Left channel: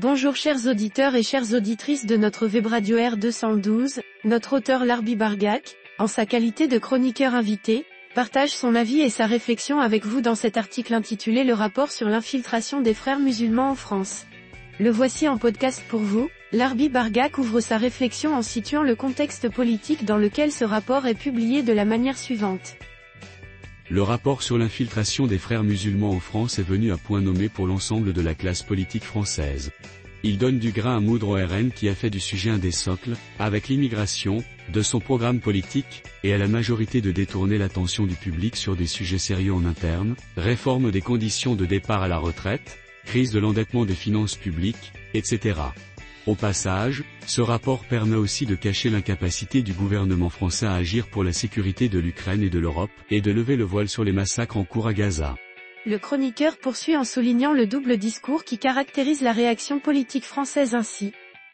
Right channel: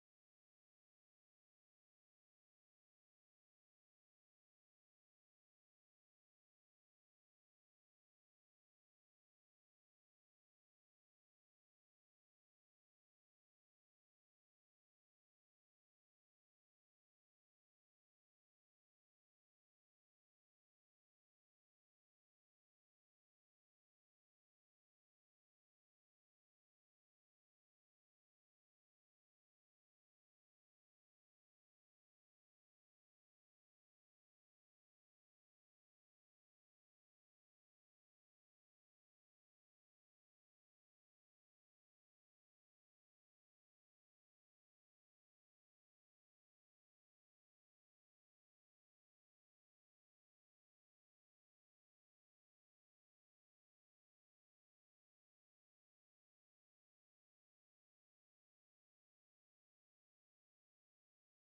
Bonjour chers auditeurs et chères auditrices de notre web radio R212, notre auteur Larbi Bargak, en sa qualité de chroniqueur invité, partage son avis et sa réflexion avec vous dans cet article intitulé Le rapport sur l'infiltration des frères musulmans en France. Le voici en podcast pour vous. Larbi Bargak ouvre sa réflexion en situant le contexte politique dans lequel ce rapport est publié de la manière suivante. Le rapport sur l'infiltration des frères musulmans en France est venu à point nommé pour l'ensemble de la classe politique française. Il donne du grain à moudre au RN qui a fait du sujet un des socles, avec l'immigration, de son programme politique, et à la majorité de détourner l'attention du public sur des sujets sérieux en interne, réforme des conditions de départ à la retraite, crise de l'endettement des finances publiques, etc. Au passage, ce rapport permet aussi de cacher l'incapacité du gouvernement français à agir pour la sécurité de l'Ukraine et de l'Europe, et de lever le voile sur les massacres en cours à Gaza. Le chroniqueur poursuit en soulignant le double discours qui caractérise la réaction politique française ainsi.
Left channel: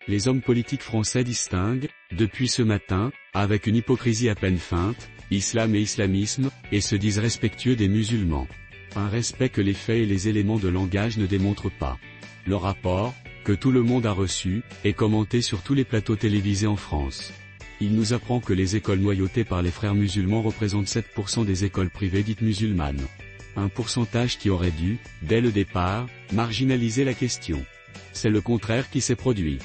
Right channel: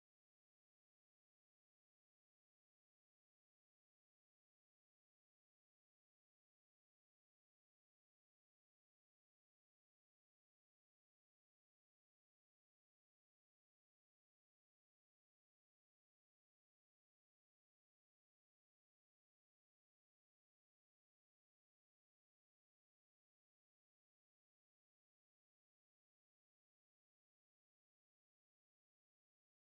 Les hommes politiques français distinguent, depuis ce matin, avec une hypocrisie à peine feinte, islam et islamisme, et se disent respectueux des musulmans. Un respect que les faits et les éléments de langage ne démontrent pas. Le rapport, que tout le monde a reçu, est commenté sur tous les plateaux télévisés en France. Il nous apprend que les écoles noyautées par les frères musulmans représentent 7% des écoles privées dites musulmanes. Un pourcentage qui aurait dû, dès le départ, marginaliser la question. C'est le contraire qui s'est produit.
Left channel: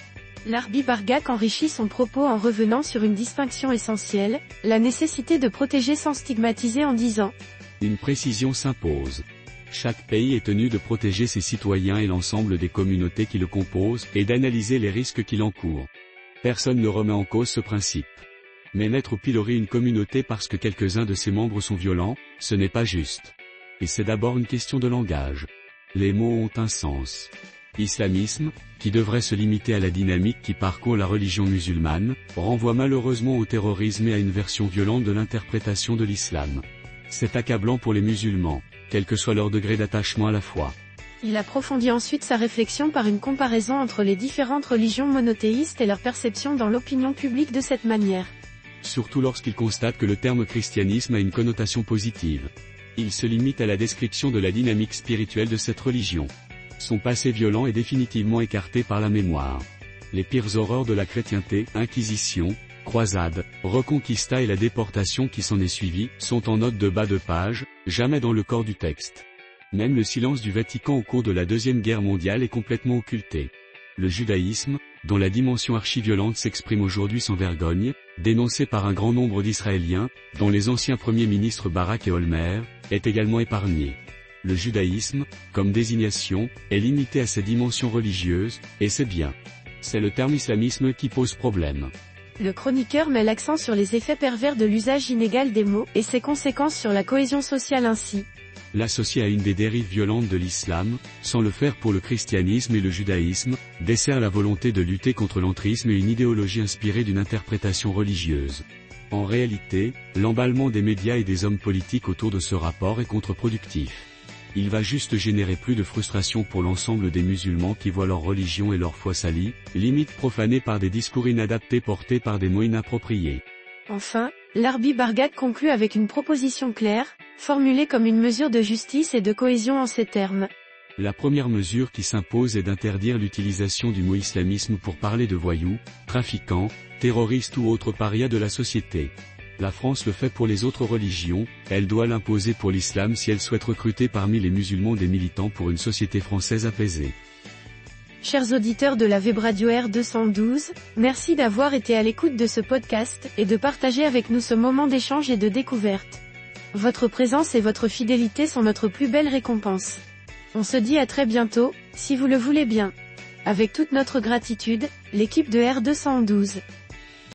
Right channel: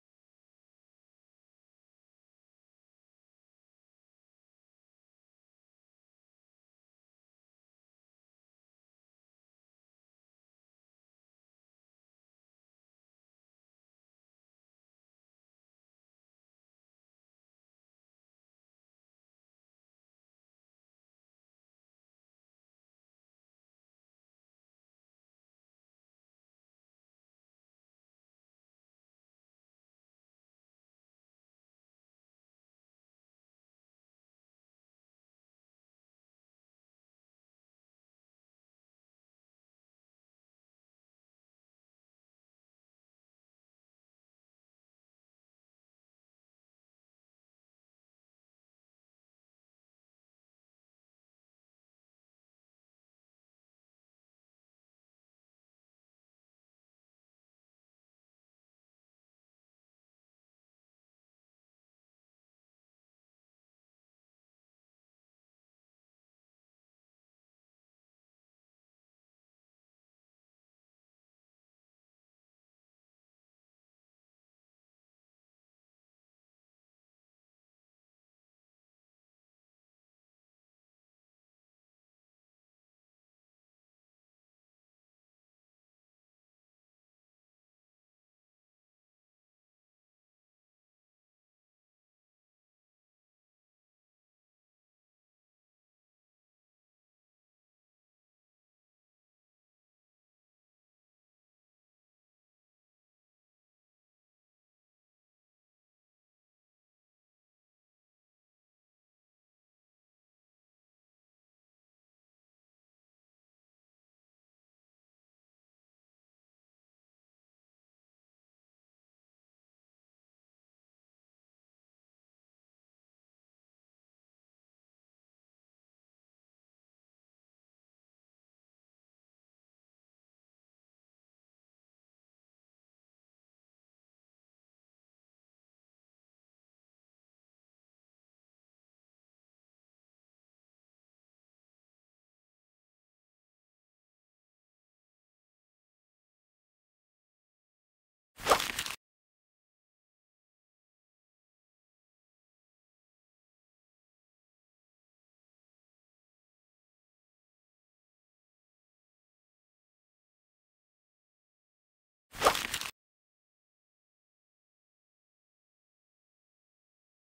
Larbi Bargak enrichit son propos en revenant sur une distinction essentielle, la nécessité de protéger sans stigmatiser en disant « Une précision s'impose. Chaque pays est tenu de protéger ses citoyens et l'ensemble des communautés qui le composent, et d'analyser les risques qu'il encourt. Personne ne remet en cause ce principe. Mais mettre au pilori une communauté parce que quelques-uns de ses membres sont violents, ce n'est pas juste. Et c'est d'abord une question de langage. Les mots ont un sens. Islamisme, qui devrait se limiter à la dynamique qui parcourt la religion musulmane, renvoie malheureusement au terrorisme et à une version violente de l'interprétation de l'islam. C'est accablant pour les musulmans, quel que soit leur degré d'attachement à la foi. Il approfondit ensuite sa réflexion par une comparaison entre les différentes religions monothéistes et leur perception dans l'opinion publique de cette manière. Surtout lorsqu'il constate que le terme christianisme a une connotation positive. Il se limite à la description de la dynamique spirituelle de cette religion. Son passé violent est définitivement écarté par la mémoire. Les pires horreurs de la chrétienté, inquisition, croisade, reconquista et la déportation qui s'en est suivie, sont en note de bas de page, jamais dans le corps du texte. Même le silence du Vatican au cours de la Deuxième Guerre mondiale est complètement occulté. Le judaïsme, dont la dimension archiviolente s'exprime aujourd'hui sans vergogne, dénoncé par un grand nombre d'Israéliens, dont les anciens premiers ministres Barak et Olmer, est également épargné. Le judaïsme, comme désignation, est limité à ses dimensions religieuses, et c'est bien. C'est le terme islamisme qui pose problème. Le chroniqueur met l'accent sur les effets pervers de l'usage inégal des mots et ses conséquences sur la cohésion sociale ainsi. L'associer à une des dérives violentes de l'islam, sans le faire pour le christianisme et le judaïsme, dessert la volonté de lutter contre l'entrisme et une idéologie inspirée d'une interprétation religieuse. En réalité, l'emballement des médias et des hommes politiques autour de ce rapport est contre-productif. Il va juste générer plus de frustration pour l'ensemble des musulmans qui voient leur religion et leur foi salie, limite profanée par des discours inadaptés portés par des mots inappropriés. Enfin, Larbi Bargak conclut avec une proposition claire, formulée comme une mesure de justice et de cohésion en ces termes. La première mesure qui s'impose est d'interdire l'utilisation du mot islamisme pour parler de voyous, trafiquants, terroristes ou autres parias de la société. La France le fait pour les autres religions, elle doit l'imposer pour l'islam si elle souhaite recruter parmi les musulmans des militants pour une société française apaisée. Chers auditeurs de la web radio R212, merci d'avoir été à l'écoute de ce podcast et de partager avec nous ce moment d'échange et de découverte. Votre présence et votre fidélité sont notre plus belle récompense. On se dit à très bientôt, si vous le voulez bien. Avec toute notre gratitude, l'équipe de R212.